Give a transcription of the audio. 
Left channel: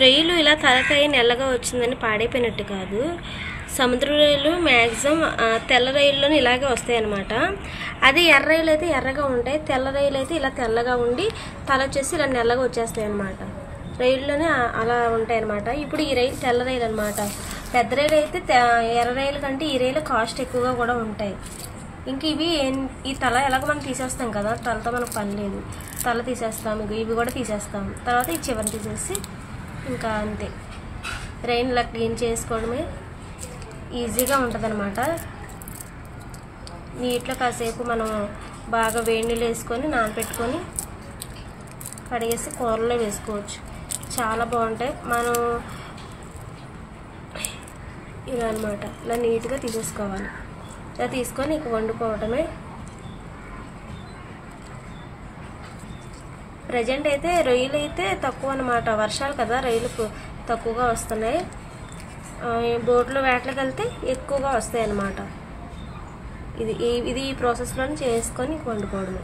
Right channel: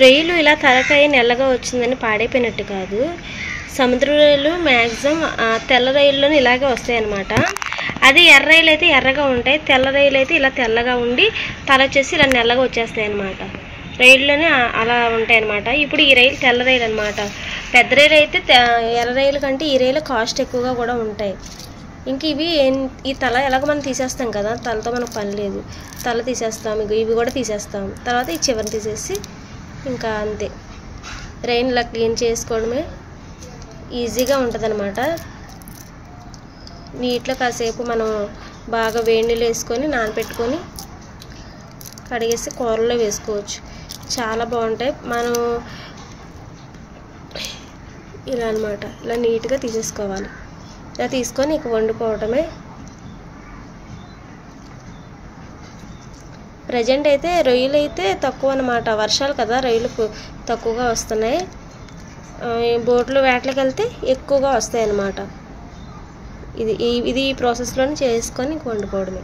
రొయ్యలు ఇలా తలకాయ నల్లగా వచ్చిందని పాడైపోయినట్టు కాదు. సముద్ర రొయ్యలు మ్యాక్సిమం తెల్ల రొయ్యల్లోనే ఇలాగే వస్తాయి అన్నమాట. అది ఎర్ర రొయ్యలు అయితే ఎర్రగా ఉంటాయి, తెల్ల రొయ్యలు అయితే ఇలా తెల్లగా ఉండి తల వచ్చేసి ఇలా నల్లగా వచ్చేస్తాయి అన్నమాట. రొయ్యల్లోనే అలా ఉంటాయి అన్నమాట. ఇప్పుడు ఈ రొయ్యలు తెల్ల రొయ్యలు అనమాట. పెద్ద రొయ్యలు అయితే ఎర్ర రొయ్యల కంటే ఈ రొయ్యలు కాస్ట్ ఎక్కువగా కూడా ఉంటాయి. ఇంక ఇవి ఈ తల ఎలాగో మనం తీసేస్తాం కదా, తలతో మనకు పని లేదు, తల తీసేస్తాం, ఇవి కూడా తీసేస్తాం. తర్వాత ఈ చివరిని తీసేసి ఇంకా అంతే, రొయ్యలు ఇలా క్లీన్ చేసుకోవడమే ఈజీగా ఉంటుంది అనమాట. నీటిలో కాసేపు మనం బాగా వేడి నీళ్ళు వేసుకొని నానబెట్టుకొని కడిగేసి కూరలో వేసుకోవచ్చు, చాలా బాగుంటాయి. మనం ఇలా అనమాట ఇలా నీట్గా తీసేసుకోవాలి. ఇలా తీసుకొని ఇక వండుకోవడమే. ప్రజెంట్ అయితే రొయ్యలు అయితే తక్కువ అనమాట, వర్షాలు కదా రొయ్యలు తక్కువగా వస్తున్నాయి. బోట్లు వేటలకు వెళ్తే ఎక్కువగా వస్తాయి అన్నమాట. ఇది ఈ ప్రాసెస్లోనే చేసుకొని వండుకోవడమే.